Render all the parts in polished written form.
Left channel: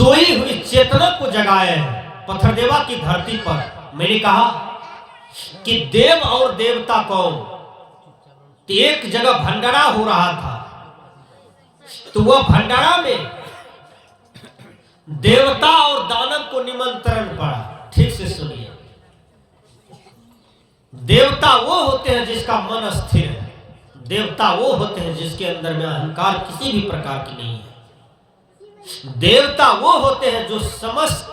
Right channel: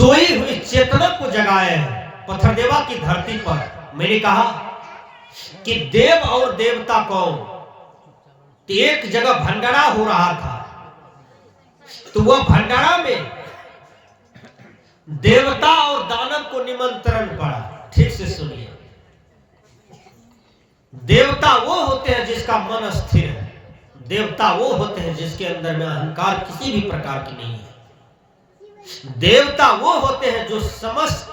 सोई हुई चेतना को जगाए हैं पत्थरदेवा की धरती पर। मैंने कहा कि देव और देवता कौन, तो एक जगह भंडारा हो रहा था, तो वह भंडारा में देवता और दानव को निमंत्रण पड़ा। ठीक से सुनिए, देवता वो होते हैं जिसका मन स्थिर है, देवता वो होते हैं जिसके अंदर में अहंकार किसी भी प्रकार की नहीं है, देवता वो होते हैं जो समस्त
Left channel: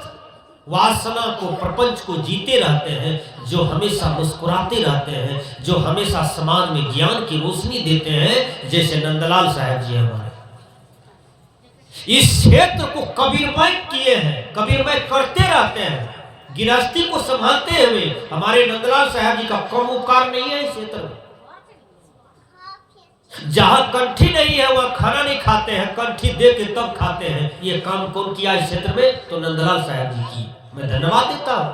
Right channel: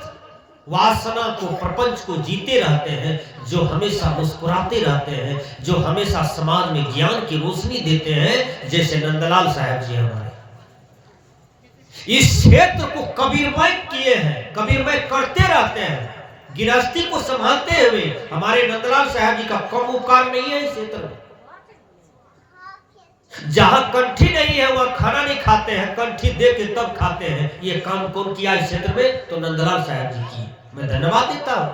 वासना को, प्रपंच को जीते रहते हैं, जो हमेशा मुस्कुराते रहते हैं, जो हमेशा समाज में ज्ञान की रोशनी देते हैं, जैसे नंदलाल साहब जी हमारे इस क्षेत्र को कबीरमय किए हैं, कबीरमय करते रहते हैं। गृहस्थी को संभालते हुए हमारे नंदलाल साहब जी का कम उपकार नहीं है इस क्षेत्र में। जहां कंठी नहीं है वहां खाना नहीं खाते हैं, कंठी दे के तब खाते हैं। ये काम कौन किया इस क्षेत्र में? तो नंदलाल साहब जी की मैं धन्यवाद देता हूं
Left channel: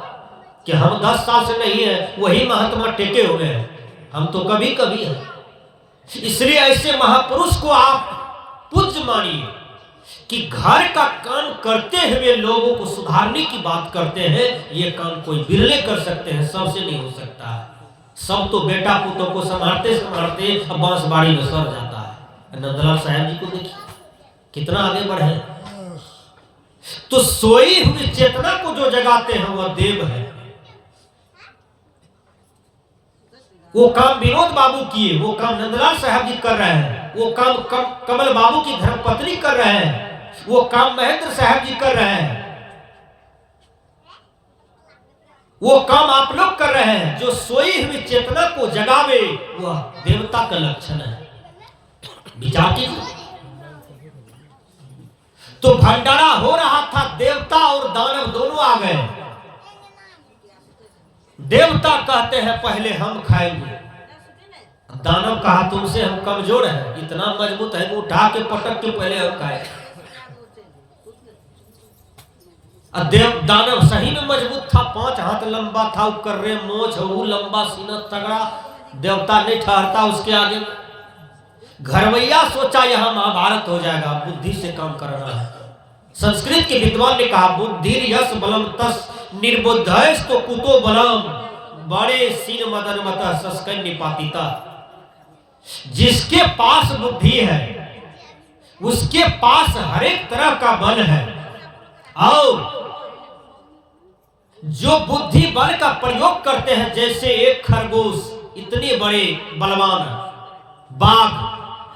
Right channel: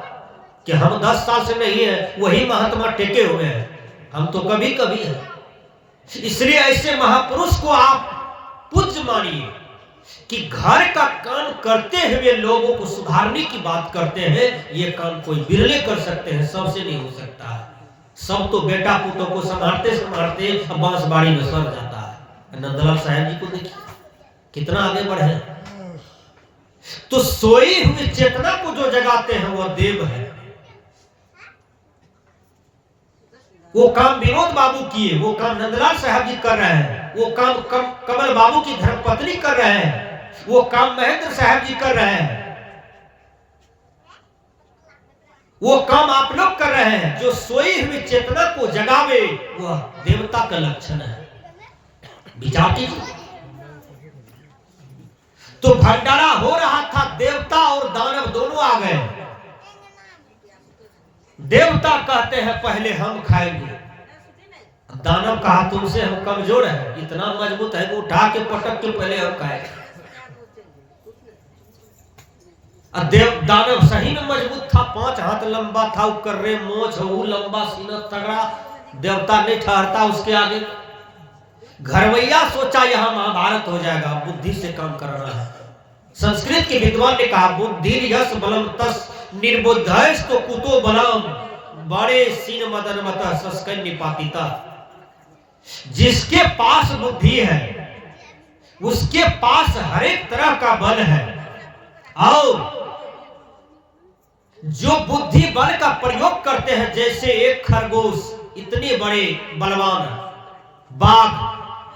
कि हम 10 साल से नहीं है, वही महात्मा टेके हुए हैं, हम तो कभी कभी हैं। इसलिए ऐसे महापुरुष को आप पूज्य मानिए कि घर का काम करते हुए लोगों को सुधारने की बात करते हैं। ये काम कोई बिरले कर सकते हैं, सबसे नहीं हो सकता है। सब तो बेटा पुतों को संभालते संभालते बांसबाड़ी में सर जाता है। नंदलाल साहब जी को देखिए कितना आगे बढ़े। तो सोई हुई चेतना को जो जगाते हैं वह देव है। वो काम विनोद बाबू किए, वो काम नंदलाल साहब जी कर रहे हैं, वो काम कमल बाबू की धर्मपत्नी कर रहे हैं, वो काम महेंद्र साहब जी कर रहे हैं, वो काम आप लोग कर रहे हैं। जो सोई हुई चेतना को जगावे वह देवता का लक्षण है। विचार कीजिए। तो भंडारा हो रहा था, देवता और दानव दोनों आ गए। देवता कहते हैं पहले हम खाएंगे, दानव कहा तुमसे हम कमजोर हैं, इतना मजबूत है कि उठा के पटक के पहले हम खाएंगे। दानव सही में मजबूत था, 5 हाथ लंबा था, कर्रे मोछ लंबा सीना तगड़ा, देवता नहीं ठहरता उसके आगे। घरवैया सोचा यहां महाभारत हो जाएगा, बुद्धि से काम करना है। संस्कृत के विद्वान ने कहा बुद्धि यश बलम तस निर्बुद्धैस तो कुतो बलम बड़े सीन मदन मत सस्कन निपातिता। जिसके पास बुद्धि है उसके पास हर एक तरह का बल है, और जो बुद्धि बल का प्रयोग करते हैं, जैसे एक खरगोश इतने बड़े बलवान बाघ,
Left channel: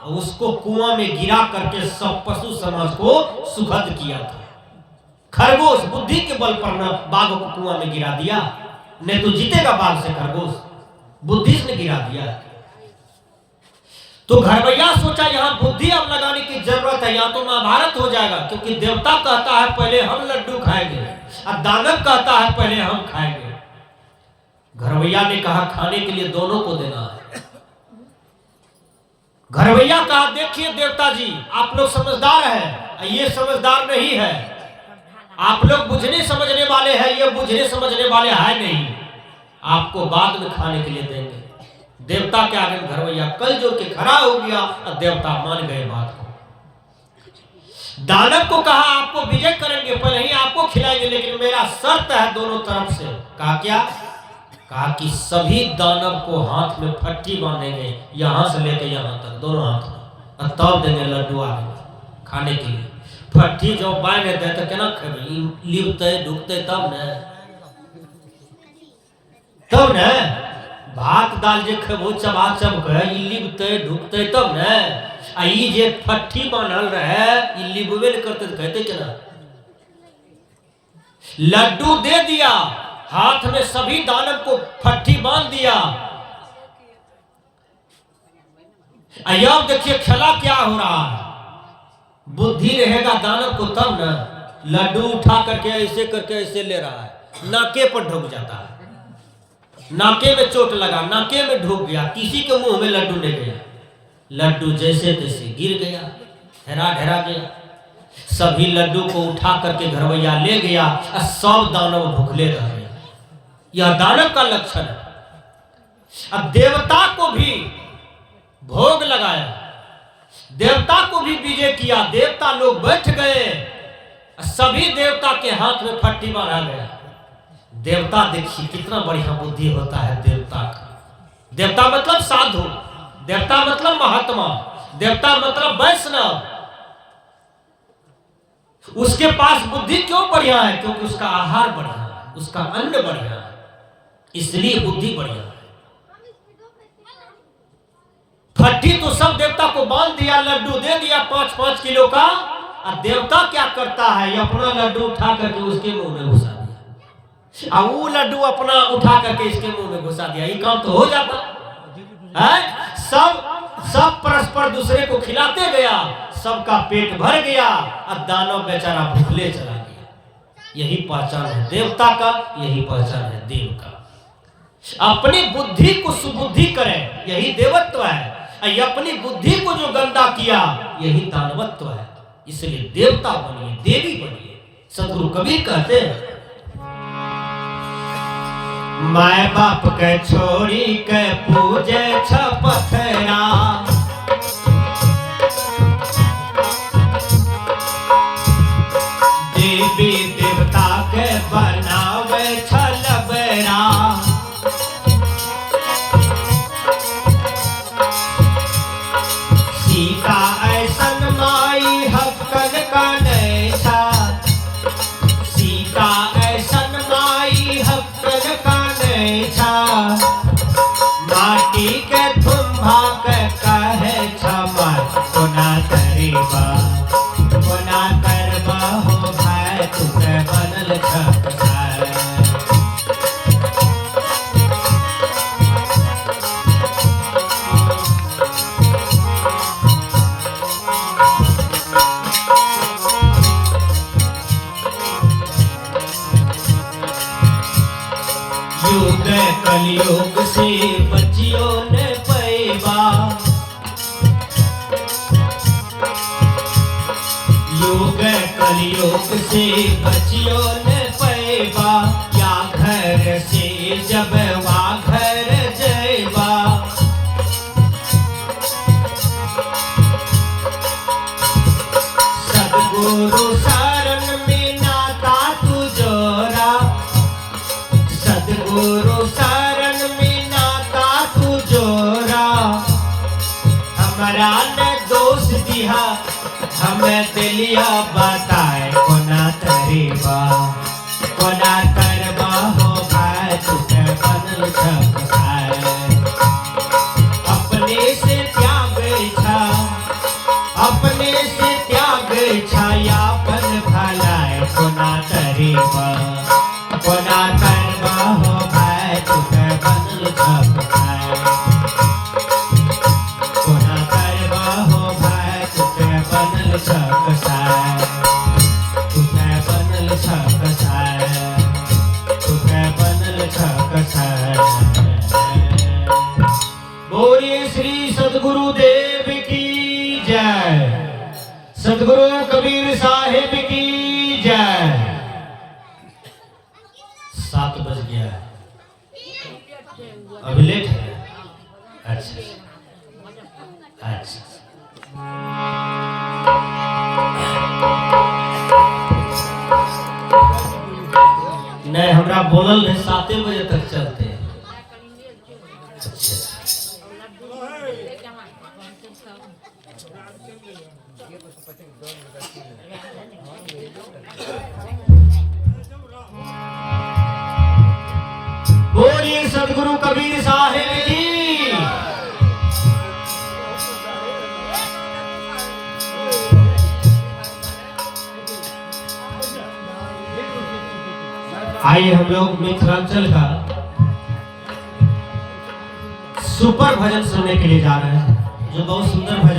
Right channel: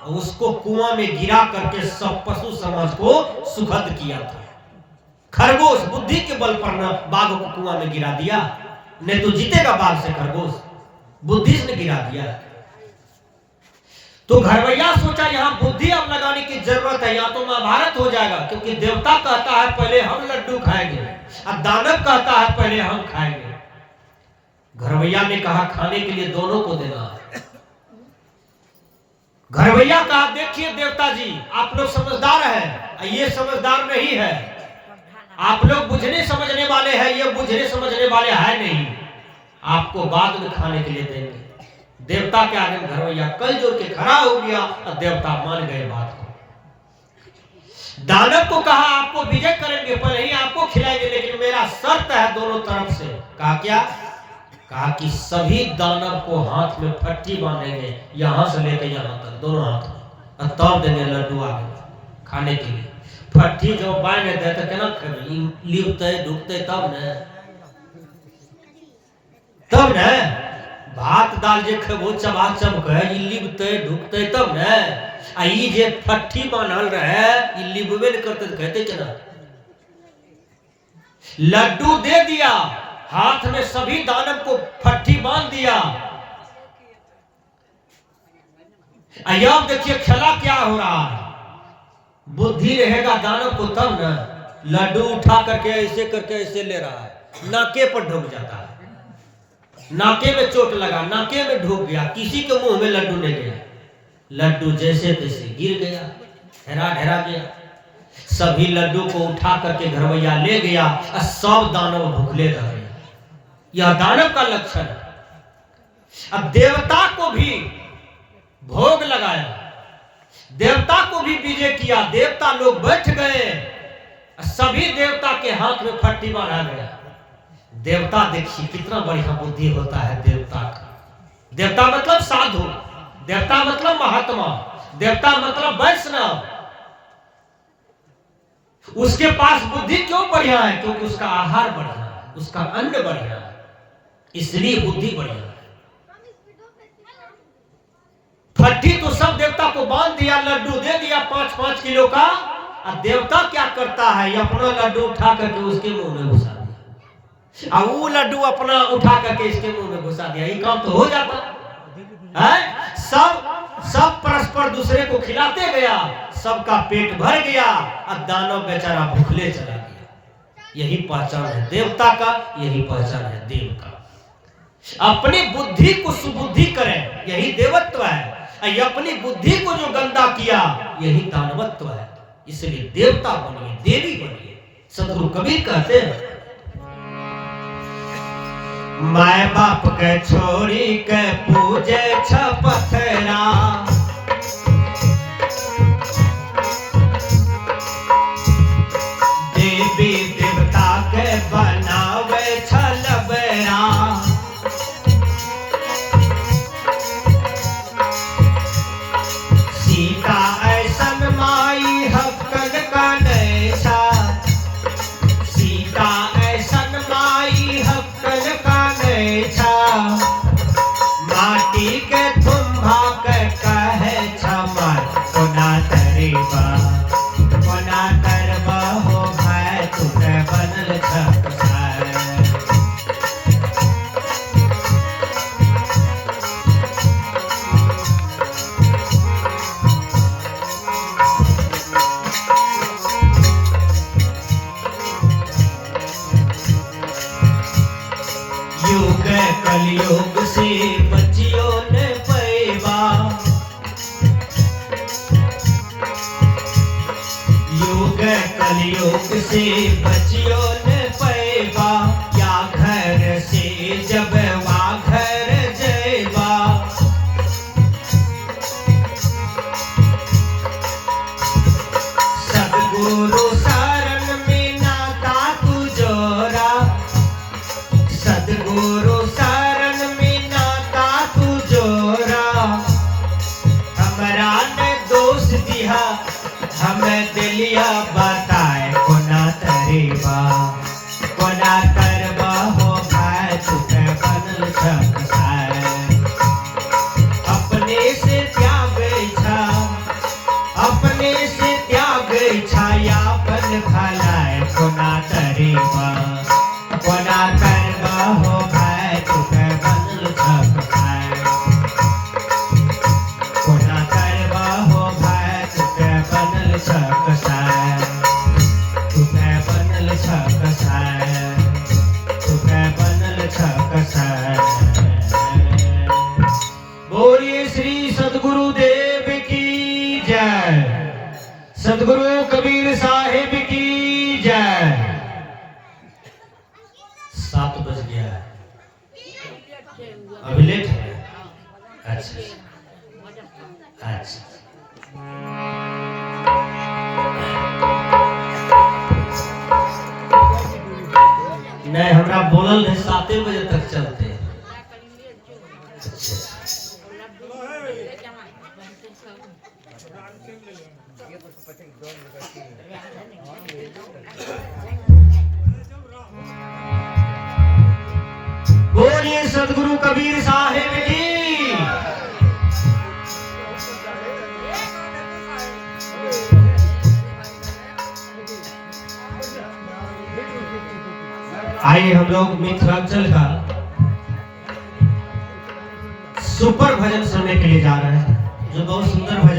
उसको कुआं में गिरा करके सब पशु समाज को सुखद किया था। खरगोश बुद्धि के बल पर न बाघ को कुआं में गिरा दिया, नहीं तो जीतेगा बाघ से खरगोश, बुद्धि से गिरा दिया। तो घरवैया सोचा यहां बुद्धि अब लगाने की जरूरत है, यहां तो महाभारत हो जाएगा, क्योंकि देवता कहता है पहले हम लड्डू खाएंगे और दानव कहता है पहले हम खाएंगे। घरवैया ने कहा खाने के लिए दोनों को देना है। घरवैया कहा देखिए देवता जी आप लोग समझदार हैं, ये समझदार नहीं है, आप लोग बुझने समझने वाले हैं, ये बुझने समझने वाले है नहीं, आपको बाद में खाने के लिए देंगे। देवता के आगे में घरवैया कल जोड़ के खड़ा हो गया और देवता मान गए बात को। दानव को कहा आपको विजय करेंगे, पहले ही आपको खिलाएंगे, लेकिन मेरा शर्त है दोनों तरफ से। कहा क्या? कहा कि सभी दानव को हाथ में फट्टी बांधेंगे, यहां से लेकर यहां तक दोनों हाथ में, और तब देंगे लड्डू आगे खाने के लिए। फट्टी जो बांध दे तो केना खेबी, लिपते ढुकते तब न भात दाल जे खेबो चबा चबके लिपते ढुकते तब न। आ ई जे फट्टी बांधल रहे ई लिबवे न करते तो कहते केना। लड्डू दे दिया, हाथ में सभी दानव को फट्टी बांध दिया। अब देखिए खेला क्या हो रहा है। बुद्धि रहेगा दानव को तब न, लड्डू उठा करके ऐसे ले रहा है, नाके पर ढुक जाता है, नाके में चोट लगा, नाके में ढुक गया, किसी के मुंह में लड्डू नहीं गया, लड्डू जैसे तैसे गिर गया, ढेरा गया। सभी लड्डू को उठा करके घरवैया ले गया और सब दानव भूखले रह गए। यह दानव का लक्षण है। अब देवता को भी भोग लगाया, देवता को भी विजय किया, देवता लोग बैठ गए, सभी देवता के हाथ में फट्टी बांधा गया। देवता देखिए कितना बढ़िया बुद्धि होता है देवता का। देवता मतलब साधु, देवता मतलब महात्मा, देवता मतलब वैष्णव। उसके पास बुद्धि क्यों बढ़िया है? क्योंकि उसका आहार बढ़िया है, उसका अन्न बढ़िया है, इसलिए बुद्धि बढ़िया है। फट्टी तो सब देवता को बांध दिया, लड्डू दे दिया 5-5 किलो का। और देवता क्या करता है? अपना लड्डू उठा करके उसके मुंह में घुसा दिया, और वो लड्डू अपना उठा करके इसके मुंह में घुसा दिया। ये काम तो हो जाता है। सब परस्पर दूसरे को खिलाते गया, सबका पेट भर गया, और दानव बेचारा भूखले चला गया। यही पहचान है देवता का, यही पहचान है देव का। अपनी बुद्धि को सुबुद्धि करें, यही देवत्व है। अपनी बुद्धि को जो गंदा किया, यही दानवत्व है। इसलिए देवता बनिए, देवी बनिए। सदगुरु कबीर कहते हैं, माय बाप के छोड़ी के पूजे छपथरा, देवी देवता के बनावे छलबरा। सीता ऐसन माई हक्कन का नैसा, सीता ऐसन माई हक्कन का नैसा। माटी के तुम्भा के कहे छमर कोना तरीबा, कोना तरबा हो भाई तुके बनल छकसार। युग कलयुग से बच्चियों ने पैबा, युग कलयुग से बच्चियों ने पैबा। या घर से जब वा घर जैबा, सदगुरु शरण में नाता तू जोरा, सदगुरु शरण में नाता तू जोरा। हमरा ने दोष दिया, हमें दिलिया बताए कोना तरीबा, कोना तरबा हो भाई तुके बनल छकसार। अपने से त्याग इच्छा, अपने से त्याग इच्छा, यापन भलाए कोना तरीबा, कोना तरबा हो भाई तुके बनल छकसार। कोना तरबा हो भाई तुके बनल छकसार, तुके बनल छकसार, तुके बनल छकसार। बोलिए श्री सद्गुरु देव की जय, सद्गुरु कबीर साहिब की जय। 7 बज गया है, अभी लेट है। अच्छा अच्छा, नहीं हमरा बोलल है 7 बजे तक चलते हैं। बोलिए सद्गुरु कबीर साहिब की। आइए हम लोग मिथिलांचल का सुपर भजन सुनने के लिए जा रहे हैं, जो बहुत सुंदर भजन